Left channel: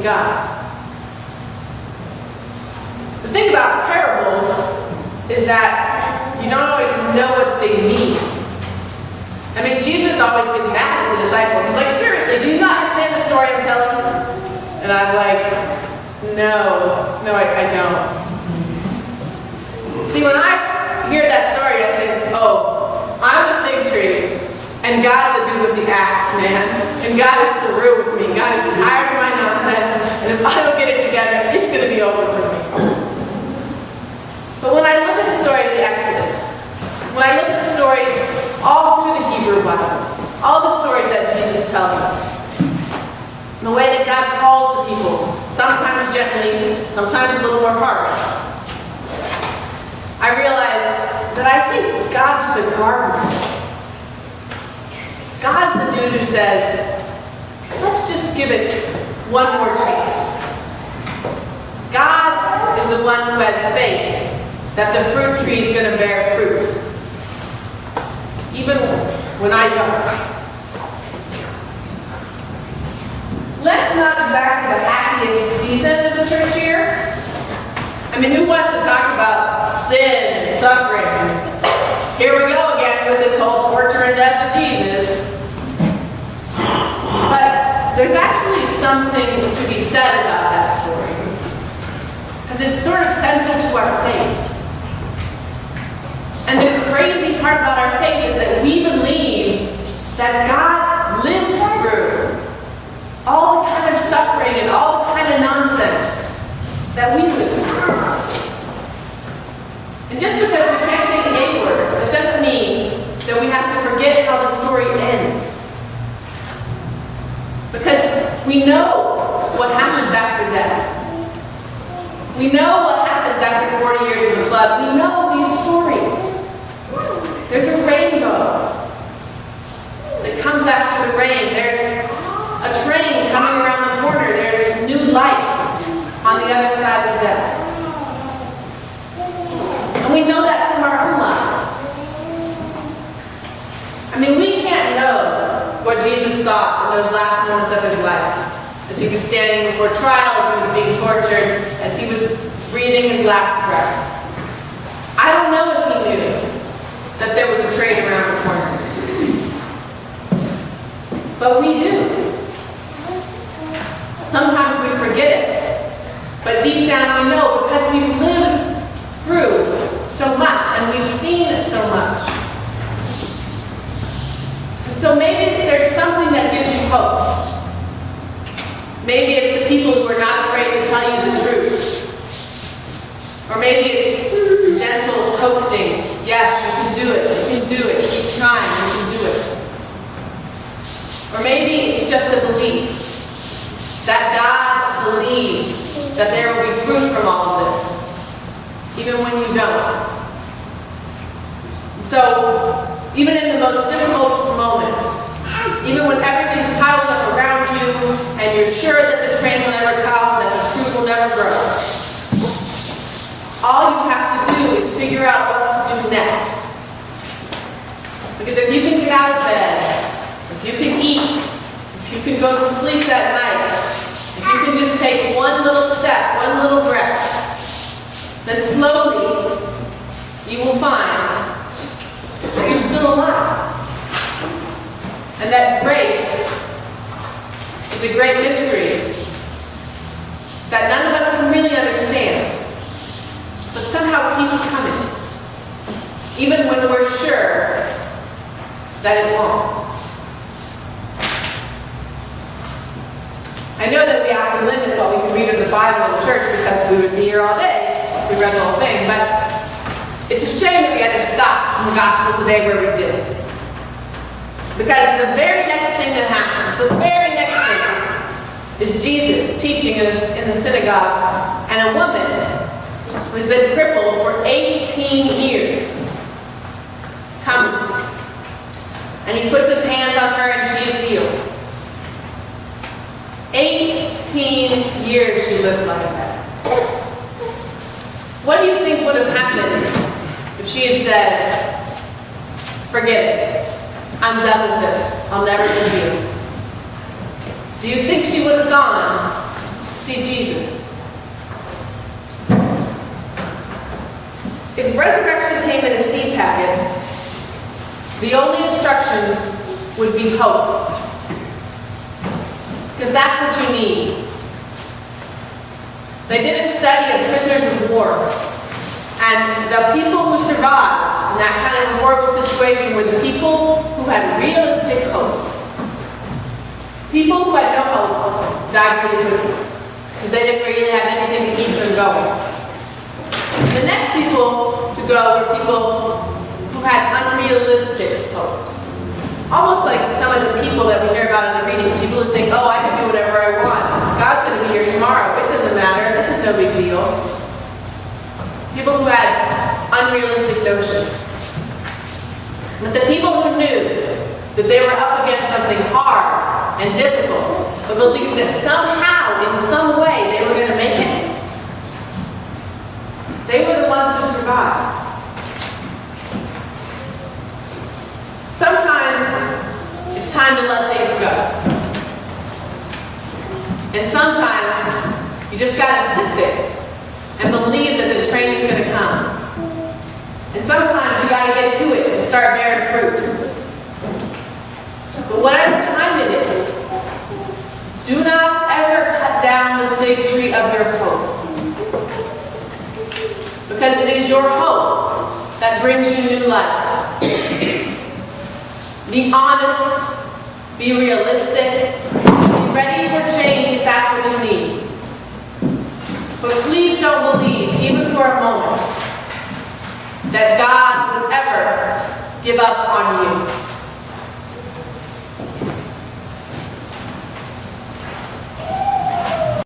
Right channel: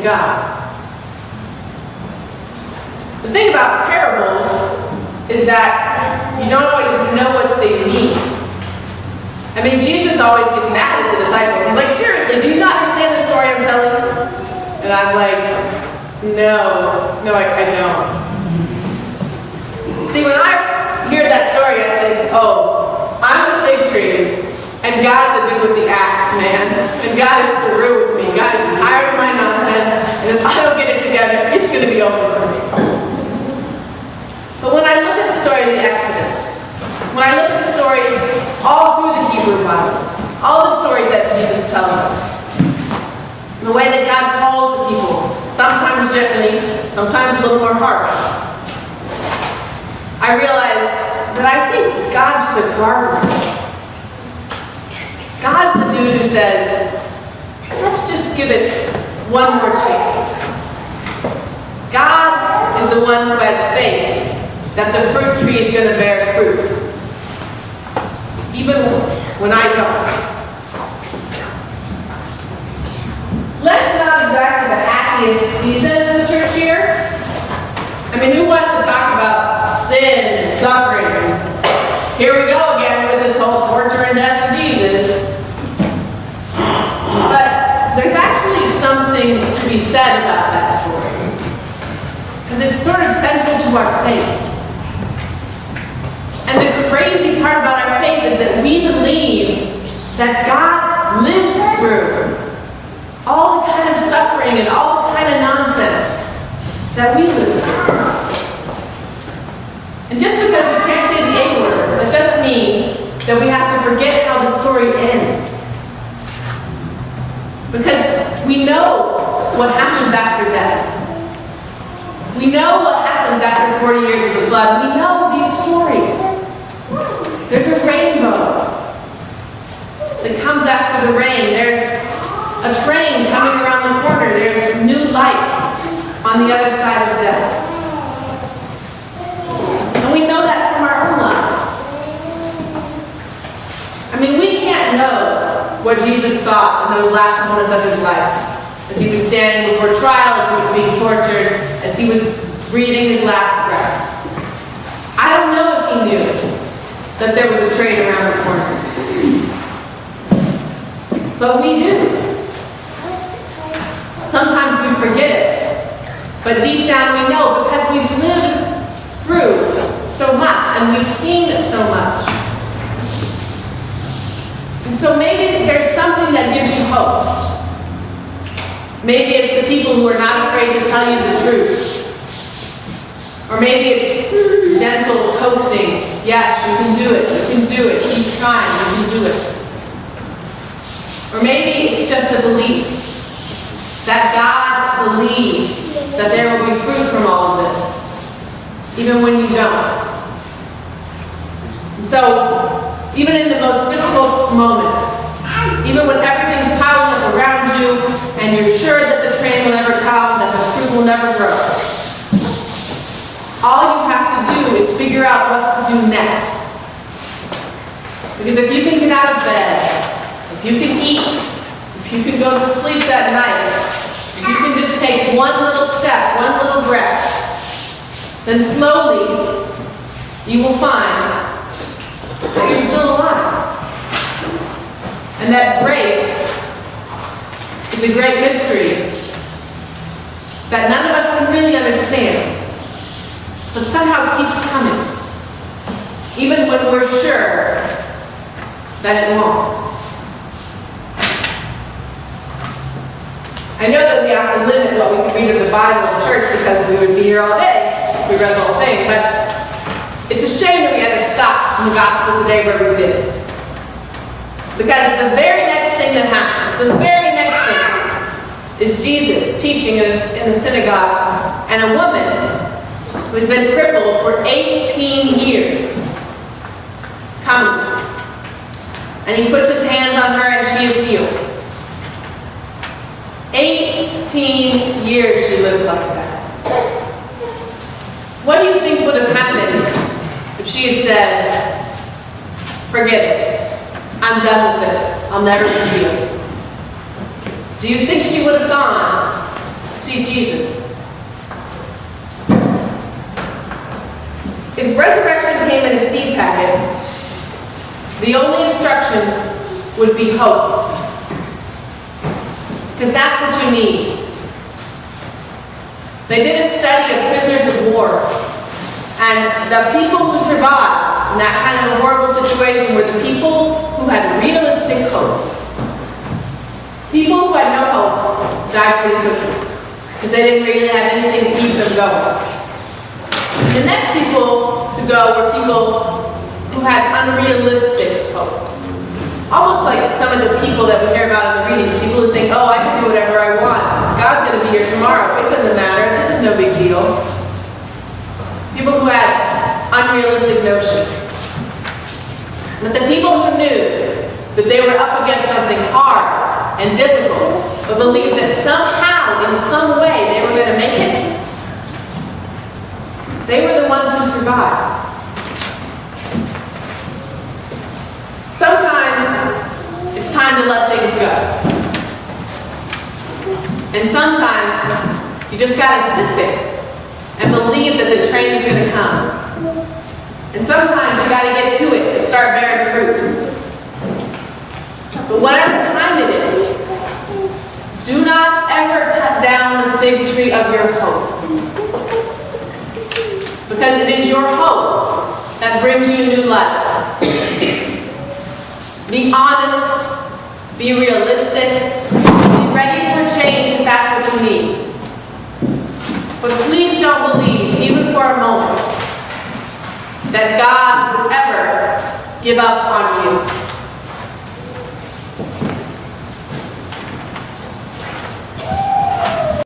to God. The thing about parables is that you don't always know what they mean. I mean, Jesus always gets mad at the disciples. He's like, seriously, do you not understand the story I'm telling you? And I'm like, no, I don't. See, when I hear that story, I think, oh, I'm the fig tree, and God's the dude with the axe, man. And God is through with me. God is tired of my nonsense, and if I don't get it together, it's going to be over for me. But when I look at the story of the Exodus, when I look at the stories all through the Hebrew Bible, all the stories that Jesus tells us, the way that God calls to people, sometimes gently, sometimes a little more harsh, I realize that I think God's the gardener. God's the dude who says, let's just give it one more chance. God is the one who has faith that the fruit tree is going to bear fruit, even when I don't. Let's not exactly the happiest season of the church year. I mean, who wants to talk about sin and suffering? Here we go again with this whole torture and death of Jesus. But there's actually something to be said about that story, because it's sort of central to our faith. And the crazy part about our faith is that we believe that God lived through all the kind of suffering and all the kind of nonsense that we live through. And just because we can't say the A word, that doesn't mean that we have to forget how the story ends. Because we know what happens after death. We know what happens after 40 years of the flood. We know these stories. There's a rainbow that comes after the rain. There's a train coming around the corner. There's new life on the other side of death. And we know that from our own lives. I mean, we can't know what Jesus thought in those last moments of his life, as he was standing before trial, as he was being tortured, as he was breathing his last breath. I don't know if he knew that there was a train around the corner. But we do. Sometimes we forget it. But deep down we know, because we've lived through so much and we've seen so much. And so maybe there's something that gives you hope. Maybe it's the people who are not afraid to tell you the truth. Or maybe it's gentle coaxing. Yes, you can do it. You can do it. Keep trying. You can do it. Or maybe it's just a belief that God believes that there will be fruit from all of this, even when you don't. And so, even in the most difficult moments, even when everything's piling up around you and you're sure that the train will never come, that the fruit will never grow, all you have to do is figure out what to do next. Because if you can get out of bed, if you can eat, if you can go to sleep that night, if you can just take one little step, one little breath, then slowly you will find that you're still alive. And that grace is a great mystery that none of us can really understand, but somehow keeps coming, even when we're sure that it won't. I know that we have to limit what we can read of the Bible in church because we would be here all day if we read the whole thing, but it's a shame that we had to stop in the gospel today where we did. Because the very next thing that happens, the very next thing, is Jesus teaching us in the synagogue, and a woman who's been crippled for 18 years comes, and he puts his hands on her and she is healed. 18 years she lived like that. What do you think would have happened if she had said, forget it, I'm done with this, I'll never be healed? Do you think she would have gone to packet, the only instructions would be hope. Because that's what you need. They did a study of prisoners of war, and the people who survived in that kind of horrible situation were the people who had realistic hope. People who had no hope died pretty quickly, because they didn't really have anything to keep them going. The next people to go were people who had unrealistic hope. Almost like some of the people that we hear about in the readings, people who think, oh, I can do whatever I want. God's going to be here tomorrow. It doesn't matter. This is no big deal. People who had unrealistic notions. But the people who knew that they were up against something hard and difficult, but believed that somehow, in some way, they were going to make it, they were the ones who survived. Sometimes it's time to let things go. And sometimes you just got to sit there and believe that the train is going to come. And sometimes you got to get to it and start bearing fruit. But whatever time it is, do not ever cut down the fig tree of your hope. Because it is your hope that brings you new life. Be honest, be realistic, be ready for change if that's what you need. But please don't believe, even for a moment, that God would ever give up on you.